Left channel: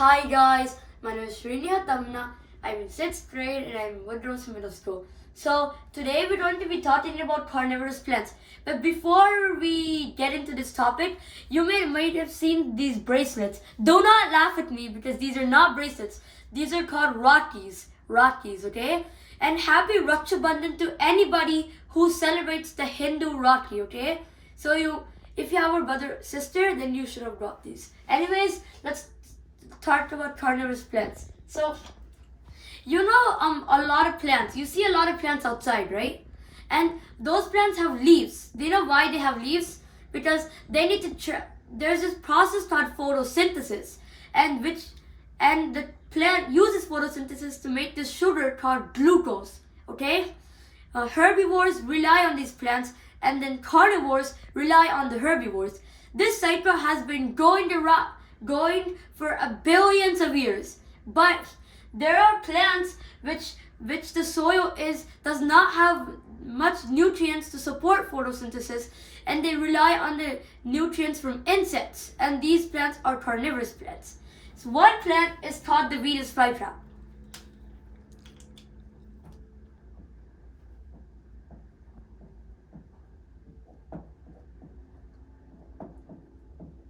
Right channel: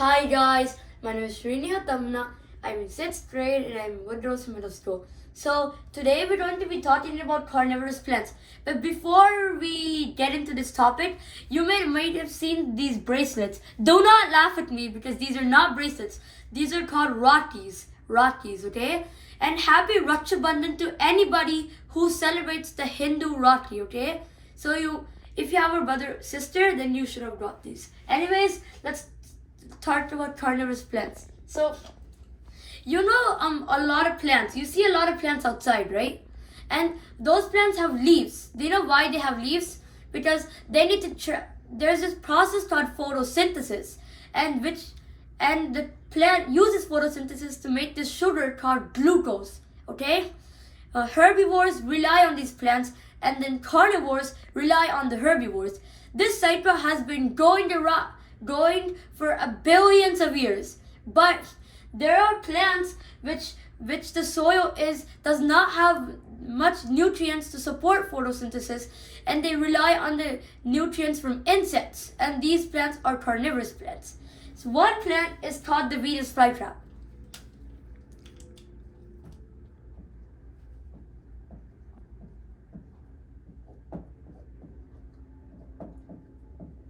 Hi guys, my name is Srinya Tamna. I'm in 6th grade and I'm in Woodrose Middle School. So today we're going to be talking about carnivorous plants. But before we get into this topic, you might have seen these bracelets. Do not laugh at me because these are not bracelets. These are called Rakhis. Rakhis, okay? And happy Raksha Bandhan to anybody who celebrates the Hindu Rakhi, okay? So if you have a brother or sister, then you should have got these. Anyways, let's talk about carnivorous plants. So a lot of plants. You see a lot of plants outside, right? And those plants have leaves. Do you know why they have leaves? Because they need to there's this process called photosynthesis, and the plant uses photosynthesis to make this sugar called glucose. Okay, herbivores rely on these plants, and then carnivores rely on the herbivores. This cycle has been going for billions of years, but there are plants which the soil does not have much nutrients to support photosynthesis, and they rely on the nutrients from insects, and these plants are carnivorous plants. So one plant is called the Venus flytrap.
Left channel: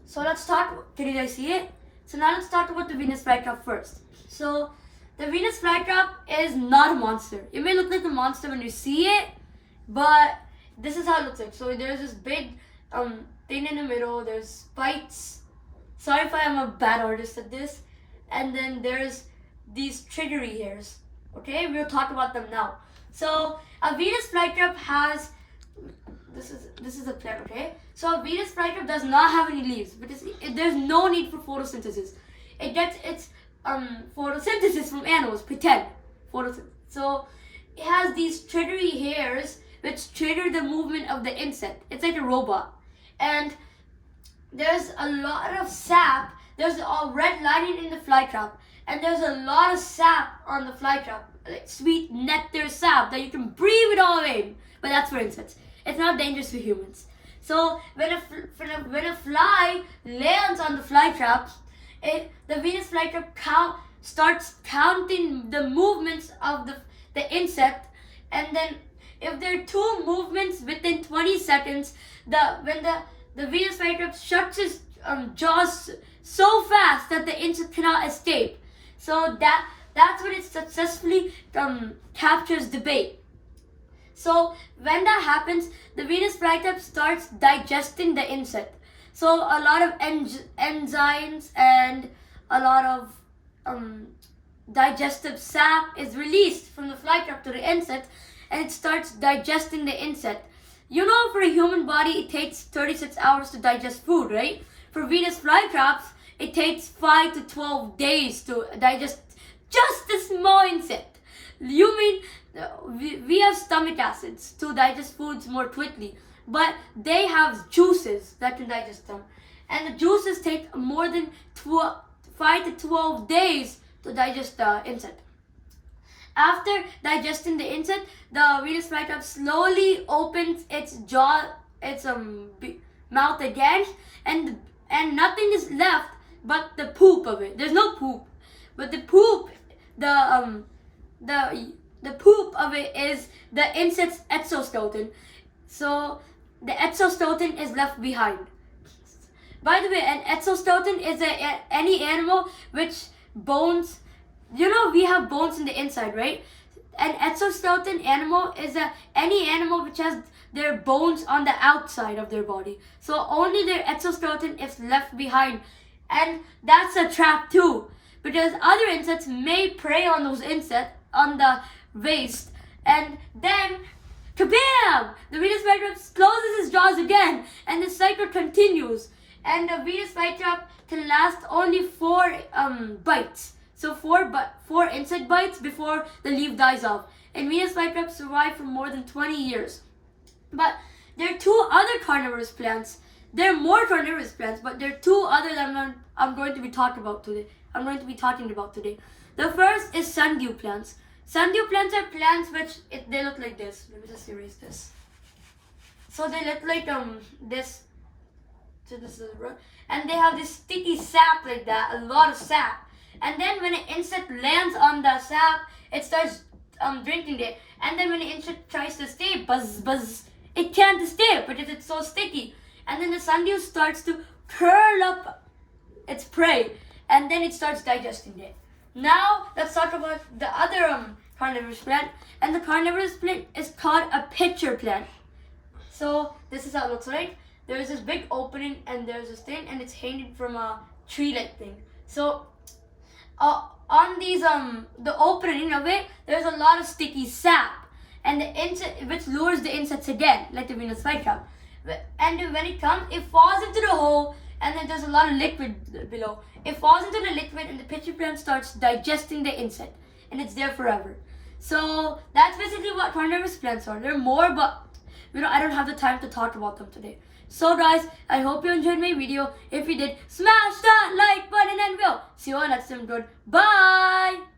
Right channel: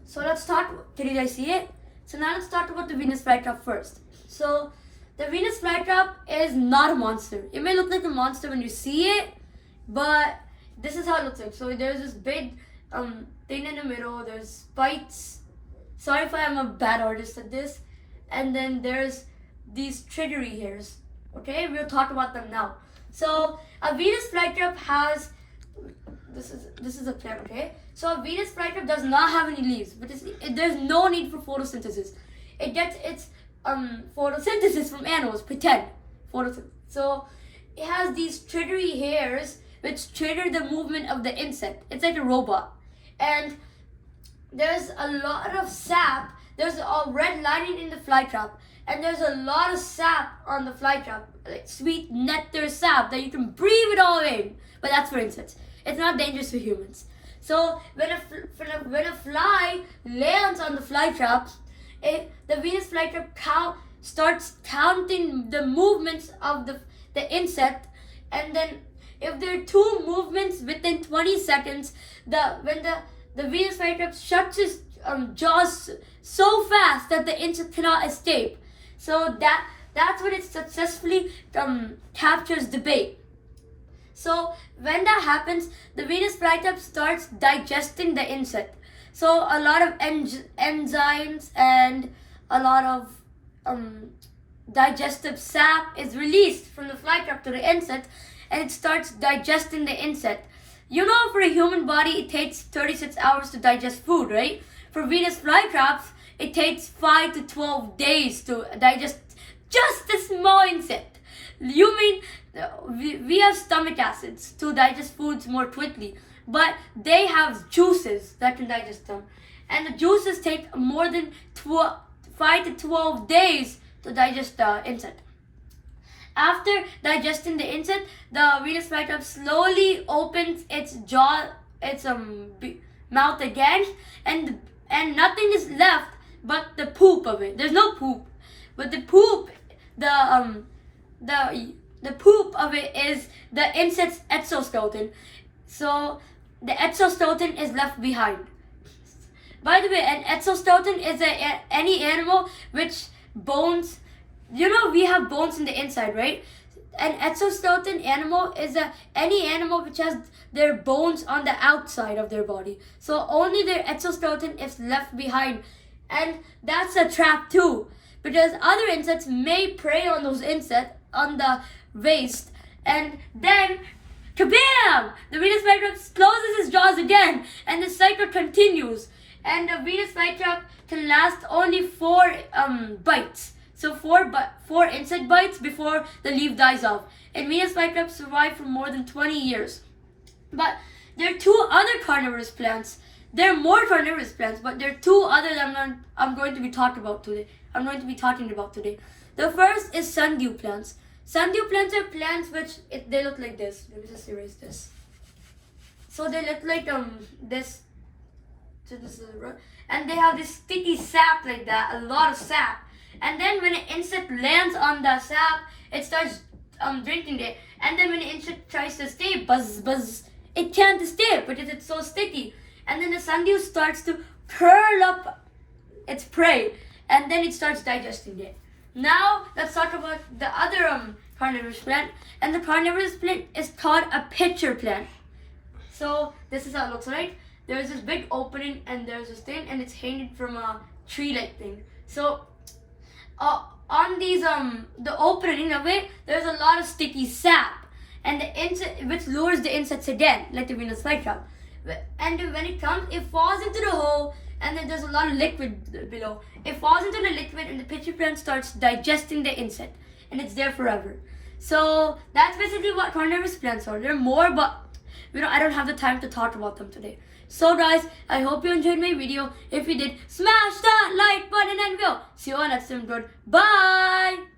So let's talk. Can you guys see it? So now let's talk about the Venus flytrap first. So the Venus flytrap is not a monster. It may look like a monster when you see it, but this is how it looks like. So there's this big thing in the middle. There's spikes. Sorry if I am a bad artist at this. And then there's these triggery hairs. Okay, we'll talk about them now. So a Venus flytrap has this is a plant, okay? So a Venus flytrap does not have any leaves, but there's no need for photosynthesis. It gets its photosynthesis from animals, pretend photosynthesis. So it has these triggery hairs which trigger the movement of the insect. It's like a robot. And there's a lot of sap. There's a red lining in the flytrap, and there's a lot of sap on the flytrap, like sweet nectar sap that you can breathe it all in. But that's for insects. It's not dangerous for humans. So when a fly lands on the flytrap, the Venus flytrap starts counting the movements of the insect, and then if there are two movements within 20 seconds, when the Venus flytrap shuts its jaws so fast that the insect cannot escape. So that's when it successfully captures the bait. So when that happens, the Venus flytrap starts digesting the insect. So a lot of enzymes and a lot of digestive sap is released from the flytrap to the insect, and it starts digesting the insect. You know, for a human body, it takes 36 hours to digest food, right? For Venus flytraps, it takes 5 to 12 days to digest just a small insect. You mean we have stomach acids to digest foods more quickly, but they have juices that can digest them, and the juices take more than 5 to 12 days to digest the insect. After digesting the insect, the Venus flytrap slowly opens its mouth again, and nothing is left but the poop of it. There's no poop, but the poop of it is the insect's exoskeleton. So the exoskeleton is left behind. By the way, an exoskeleton is any animal which bones. You know, we have bones in the inside, right? An exoskeleton animal is any animal which has their bones on the outside of their body. So only their exoskeleton is left behind. And that's a trap too, because other insects may prey on those insects on the waist, and then kabam! The Venus flytrap closes its jaws again, and the cycle continues. And the Venus flytrap can last only 4 bites. So 4 insect bites before the leaf dies off. And Venus flytraps survive for more than 20 years. But there are 2 other carnivorous plants. There are more carnivorous plants, but there are 2 other that I'm going to be talking about today. The first is sundew plants. Sundew plants are plants they look like this. Let me just erase this. So they look like this. So this is and they have this sticky sap like that, a lot of sap. and then when an insect lands on the sap, it starts drinking it. And then when the insect tries to stay, buzz, buzz, it can't stay because it's so sticky. And then the sundew starts to curl up its prey, and then it starts digesting it. Now let's talk about the other carnivorous plant, and the carnivorous plant is called a pitcher plant. So this is how it looks like. There's this big opening, and there's this thing, and it's hanging from a tree-like thing. So on these the opening of it, there's a lot of sticky sap, and the insect, which lures the insects again, like the Venus flytrap. And when it comes, it falls into the hole, and then there's a lot of liquid below. It falls into the liquid, and the pitcher plant starts digesting the insect, and it's there forever. So that's basically what carnivorous plants are. There are more, but I don't have the time to talk about them today. So guys, I hope you enjoyed my video. If you did, smash that like button and we'll see you all next time. Goodbye.